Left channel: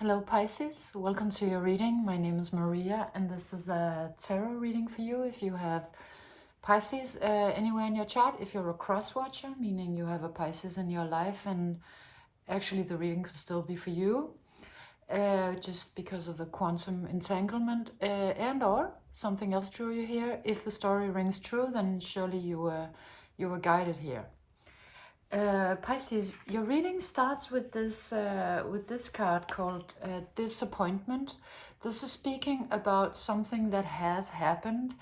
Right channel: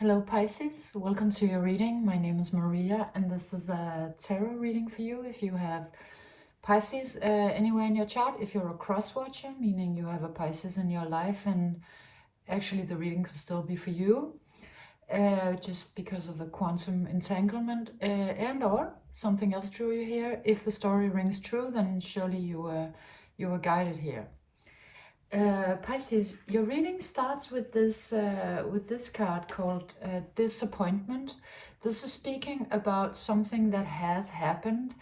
Hello Pisces, welcome to your reading. My name is Maria and this is a tarot reading for you if you have Pisces anywhere in your chart. If you're a cross watcher, meaning you have a Pisces in your life, and actually the reading could still be for you just because of the quantum entanglement and or something else drew you here. If the story rings true, then surely you were guided here. Pisces, your reading starts with this card called disappointment. This is speaking about something that has happened.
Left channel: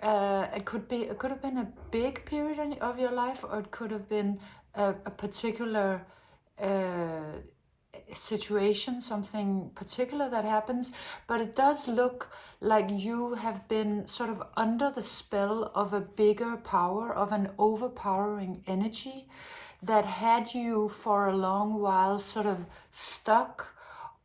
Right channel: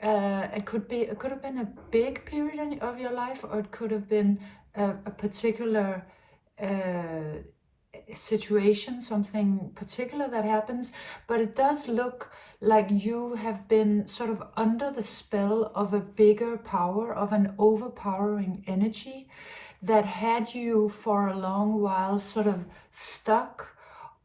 It could have been a big period of your life, or it could have been a particular situation, something particular that happens, but it does look like you have been sort of under the spell of a bigger power, of an overpowering energy that had you for a long while sort of stuck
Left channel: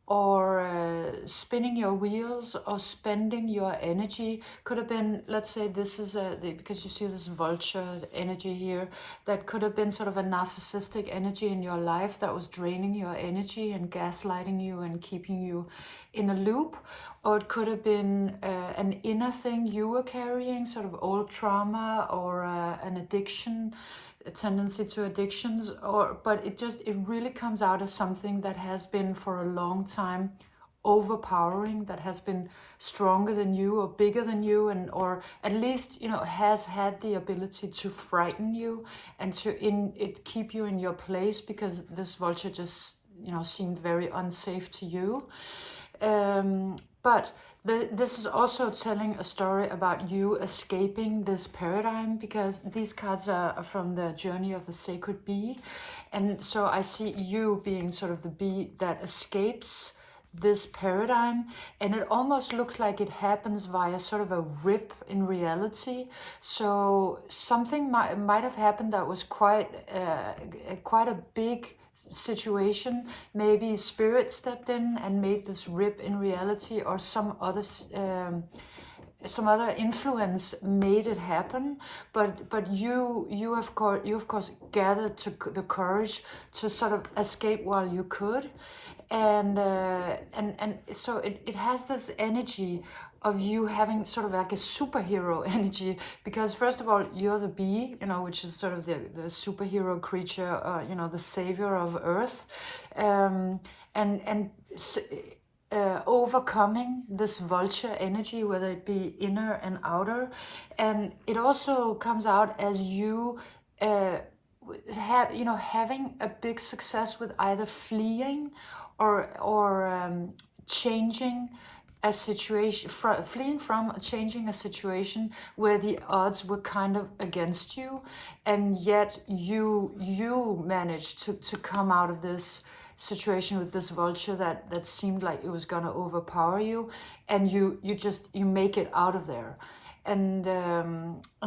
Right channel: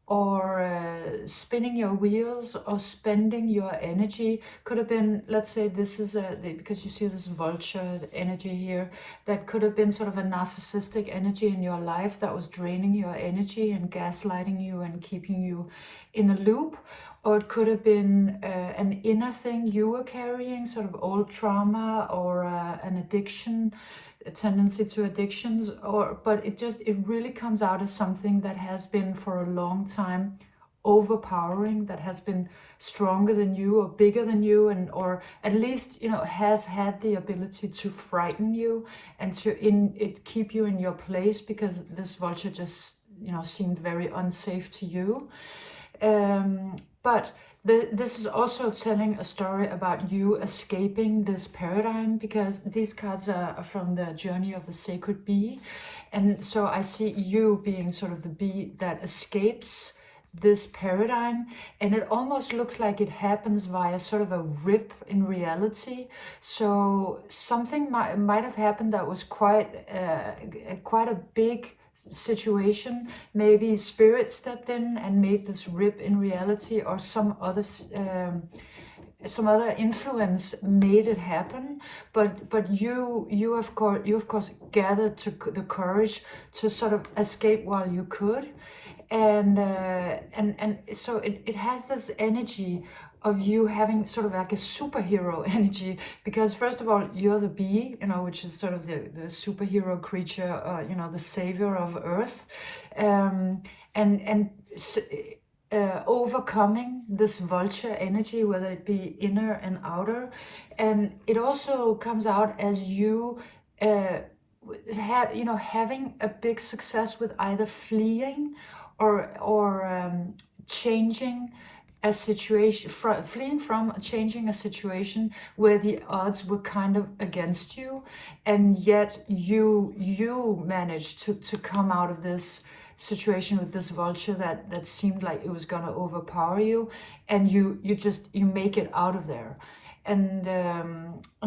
or spinning your wheels or spending your energy. Could have been, let's say this is because you see this vulture energy here, that could have been sort of a narcissistic energy in your life that was draining your energy and gaslighting you and keeping you in a loop. Or it could have been an inner thing you were carrying, sort of old trauma or an addiction, a tendency to addictions, but it really comes out as something that has been for a long time overpowering, that has been stronger than you or bigger than you, and or at least has had the ability to frighten you and to keep you in your place, because this vulture just seemed very unsafe to you. But this is also telling a story about you escaping this paradigm, because these cards are from the journey of the sacred bee. And so I see you being sort of the bee that escapes this paradigm, and it almost looks like it happens via sort of a rip in reality. So something might have happened that was quite a big situation. Maybe spirit stepped in and made this rip in reality, or some other influence made it happen. But you of course gathered the courage to sort of escape while you could. And so it has this energy of you having sort of like a superhero energy, because first of all, you're the bee, which is sort of the superhero creature, the savior of Earth, and overcoming this vulture energy, whether it be inner and outer. And it also comes out as you having a big success with either fleeing or changing a situation, fleeing from changing a situation where the odds were kind of against you, and yet you managed to come out of this situation with this vulture that seemed like it was going to overpower you, and you make it out of there. And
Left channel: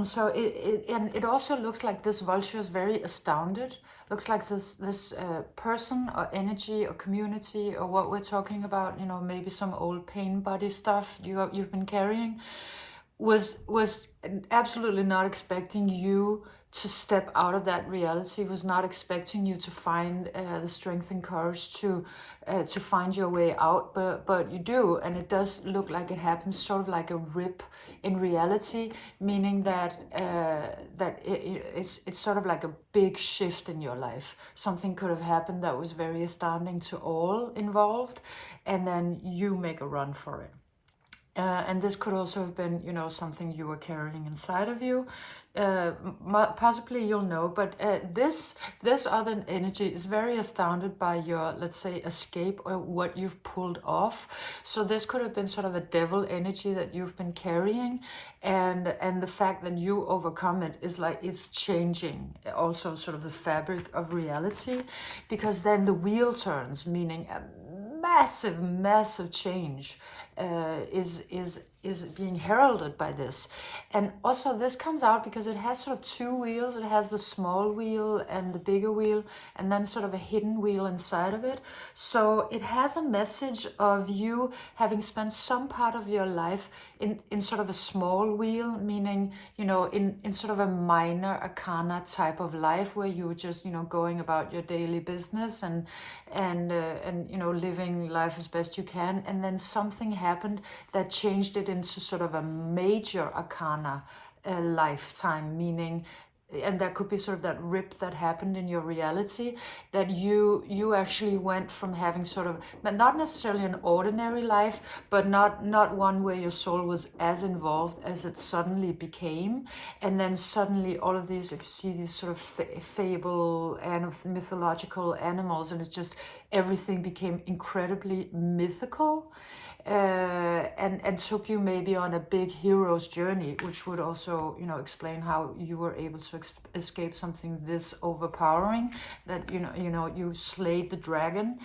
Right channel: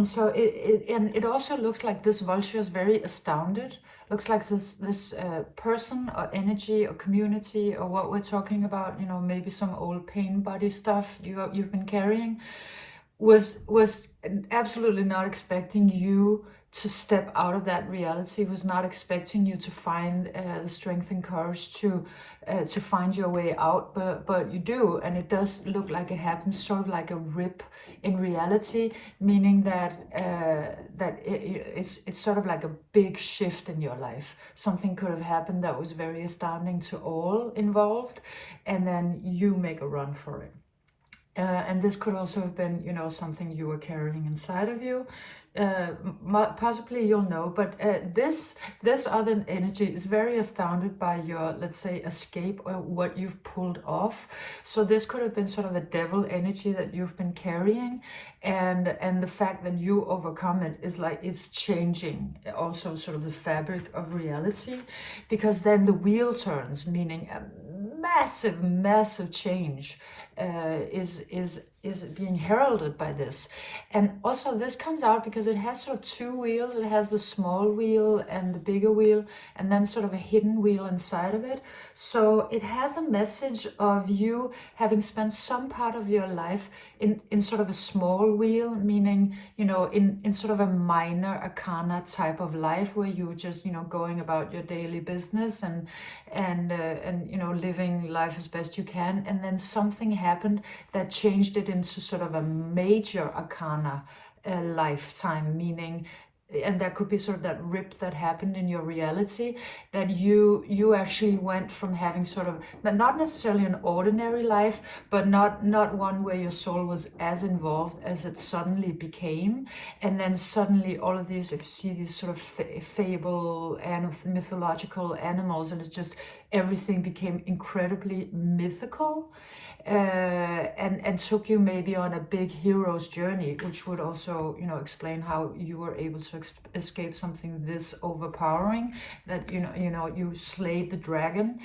so it also looks like this vulture is very astounded. Looks like this person or energy or community, or what we're talking about, maybe some old pain body stuff you've been carrying, was absolutely not expecting you to step out of that reality, was not expecting you to find the strength and courage to find your way out, but you do. And it does look like it happens sort of like a rip in reality, meaning that it's sort of like a big shift in your life. Something could have happened that was very astounding to all involved, and then you make a run for it. And this could also have been, something you were carrying inside of you. Possibly you'll know, but this other energy is very astounded by your, let's say, escape, or what you've pulled off. So this could have been sort of a devil energy that you've been carrying, and the fact that you overcome it is like it's changing also sort of the fabric of reality, because then the wheel turns, meaning a massive change is being heralded by this. And also this comes out because it has sort of two wheels. It has the small wheel and the bigger wheel, and then sort of a hidden wheel inside of it. So it has a message of you having spent some part of your life in sort of a small wheel, meaning, you know, in sort of a minor arcana type of life where you were just, you know, going about your daily business and you know, living life as best you can. And then something happened that changed it into sort of a major arcana lifetime, meaning, and that could be sort of that rip that happened in your reality, that you actually went from having sort of not necessarily an ordinary life, but not one where your soul was as involved as it suddenly became. And then suddenly all of these, if you see these sort of fable and mythological animals, and it's just everything became incredibly mythical. And took you maybe on a big hero's journey, which would also, you know, explain how you were able to escape something this overpowering, that, you know, you slayed the dragon.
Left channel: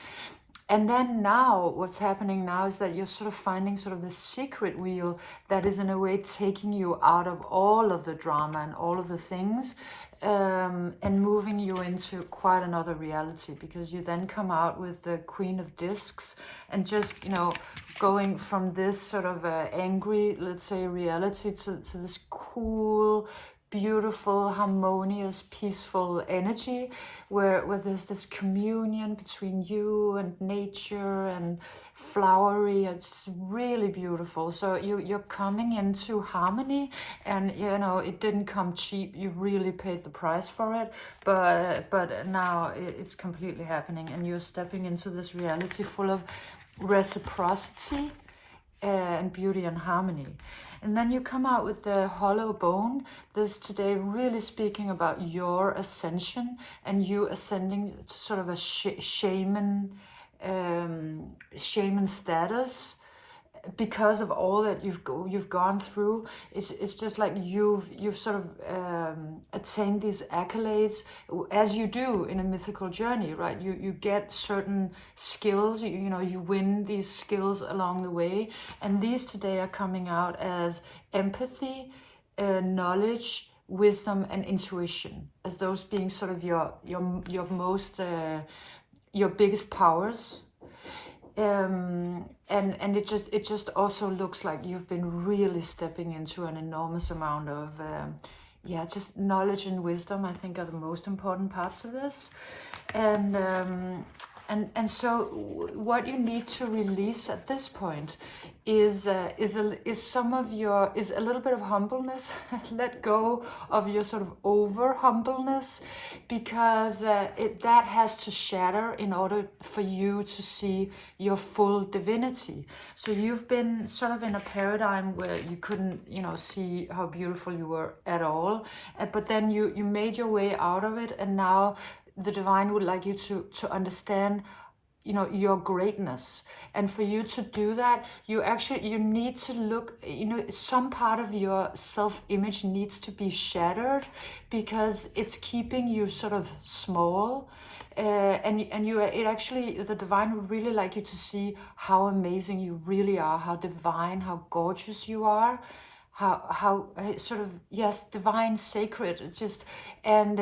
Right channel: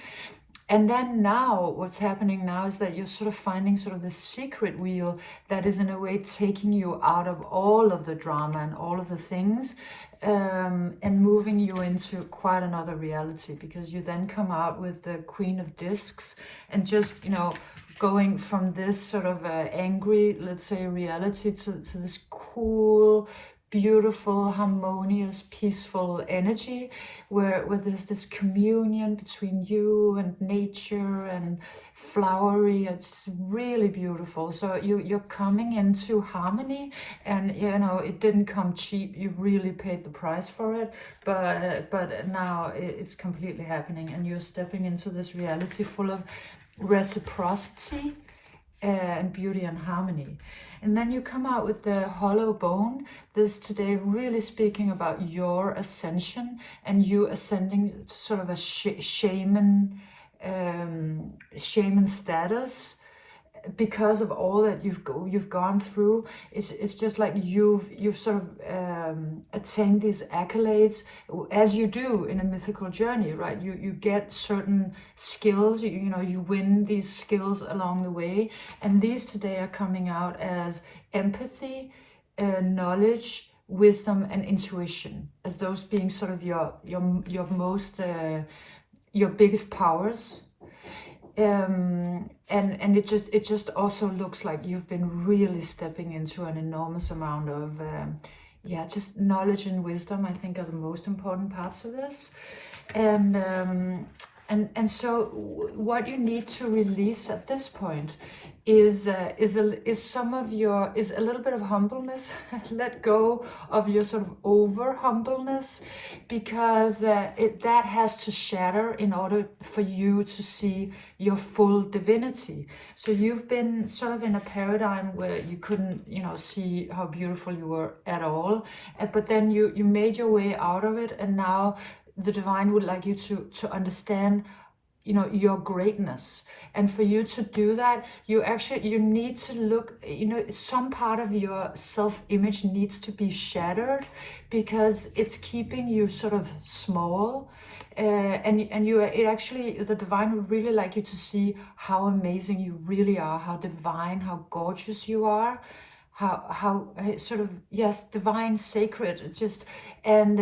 And then now, what's happening now is that you're sort of finding sort of the secret wheel that is in a way taking you out of all of the drama and all of the things, and moving you into quite another reality, because you then come out with the Queen of Discs, and just, you know, going from this sort of angry, let's say, reality to this cool, beautiful, harmonious, peaceful energy where there's this communion between you and nature and flowery. It's really beautiful. So you're coming into harmony, and, you know, it didn't come cheap. You really paid the price for it, but now it's completely happening, and you're stepping into this reality full of reciprocity and beauty and harmony. And then you come out with the hollow bone. This today really speaking about your ascension and you ascending to sort of a shaman status, because of all that you've gone through. It's just like you've sort of attained these accolades, as you do in a mythical journey, right? You get certain skills, you know, you win these skills along the way, and these today are coming out as empathy, knowledge, wisdom, and intuition, as those being sort of your most your biggest powers. And it just also looks like you've been really stepping into an enormous amount of just knowledge and wisdom. I think are the most important parts of this. And so what you need to release at this point is a little bit of humbleness. Let go of your sort of over humbleness, because that has to shatter in order for you to see your full divinity. So you've been sort of in a paradigm where you couldn't, you know, see how beautiful you were at all, but then you made your way out of it, and now the divine would like you to understand, you know, your greatness. And for you to do that, you need to look, you know, some part of your self-image needs to be shattered, because it's keeping you sort of small. The divine would really like you to see how amazing you really are, how divine, how gorgeous you are, how sort of, yes, divine, sacred, just, and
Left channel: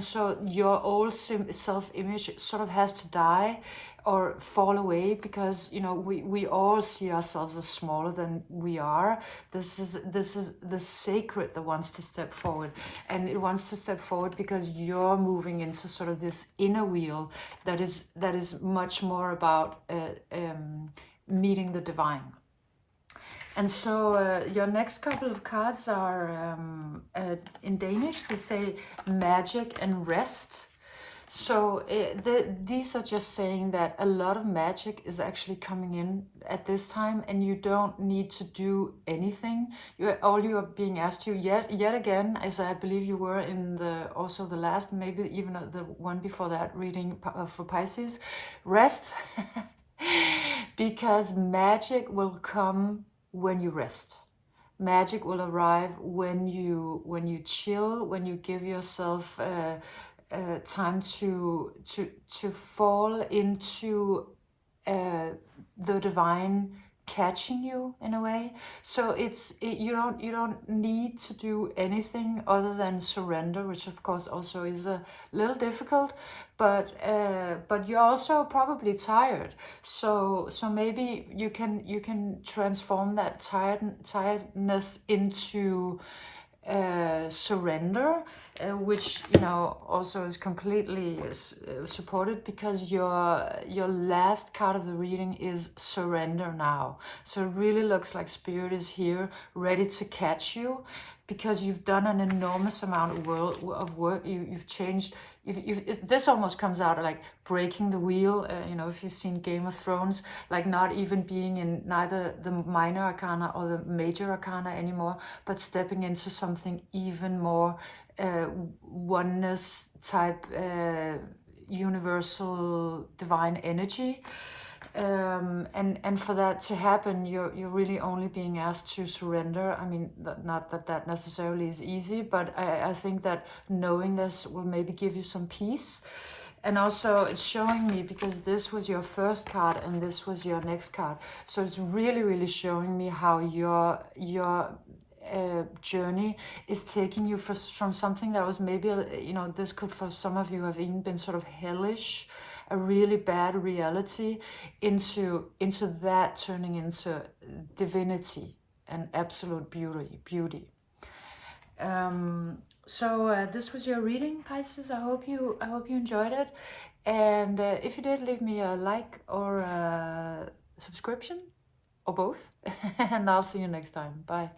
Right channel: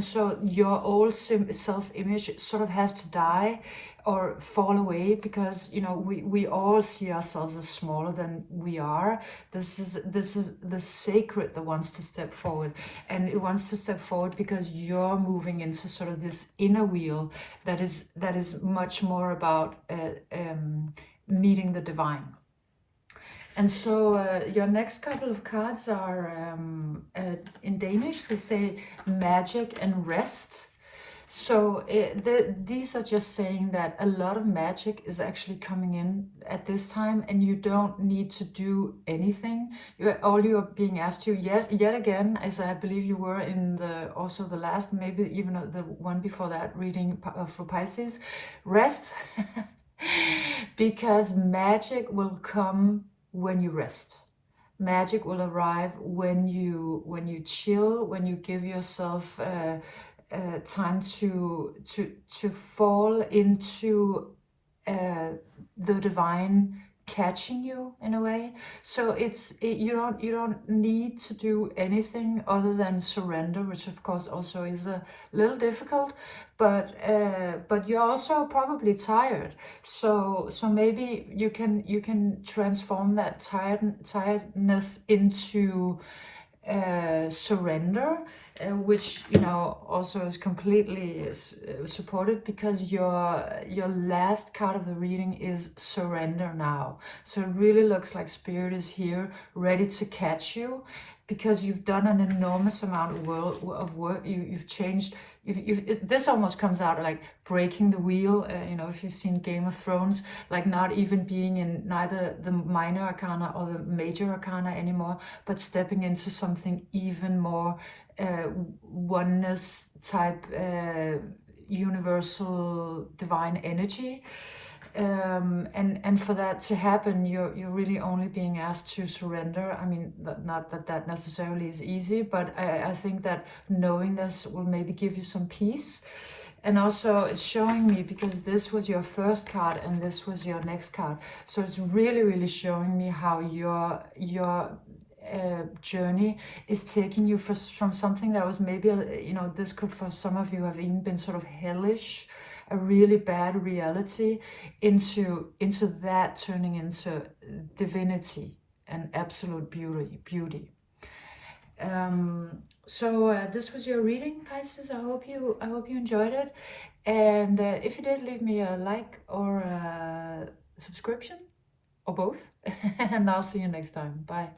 so your old self-image sort of has to die or fall away, because, you know, we all see ourselves as smaller than we are. This is the sacred that wants to step forward, and it wants to step forward because you're moving into sort of this inner wheel that is much more about meeting the divine. And so your next couple of cards are, in Danish, they say magic and rest. So these are just saying that a lot of magic is actually coming in at this time, and you don't need to do anything. All you are being asked to, yet again, as I believe you were in the last, maybe even the one before that reading for Pisces, rest, because magic will come when you rest. Magic will arrive when you chill, when you give yourself time to fall into the divine catching you in a way. So you don't need to do anything other than surrender, which of course also is a little difficult, but you're also probably tired. So maybe you can transform that tiredness into surrender, which also is completely supported, because your last card of the reading is surrender now. So it really looks like Spirit is here ready to catch you, because you've done an enormous amount of work. You've changed. This almost comes out like breaking the wheel. If you've seen Game of Thrones, like not even being in neither the minor arcana or the major arcana anymore, but stepping into something even more oneness type, universal divine energy. And for that to happen, you're really only being asked to surrender. I mean, not that necessarily is easy, but I think that knowing this will maybe give you some peace. And also it's showing me, because this was your first card and this was your next card, so it's really showing me how your journey is taking you from something that was maybe, this could for some of you have even been sort of hellish, a really bad reality, into that turning into divinity and absolute beauty. So this was your reading, Pisces. I hope you enjoyed it, and if you did, leave me a like or a subscription, or both, and I'll see you next time. Bye.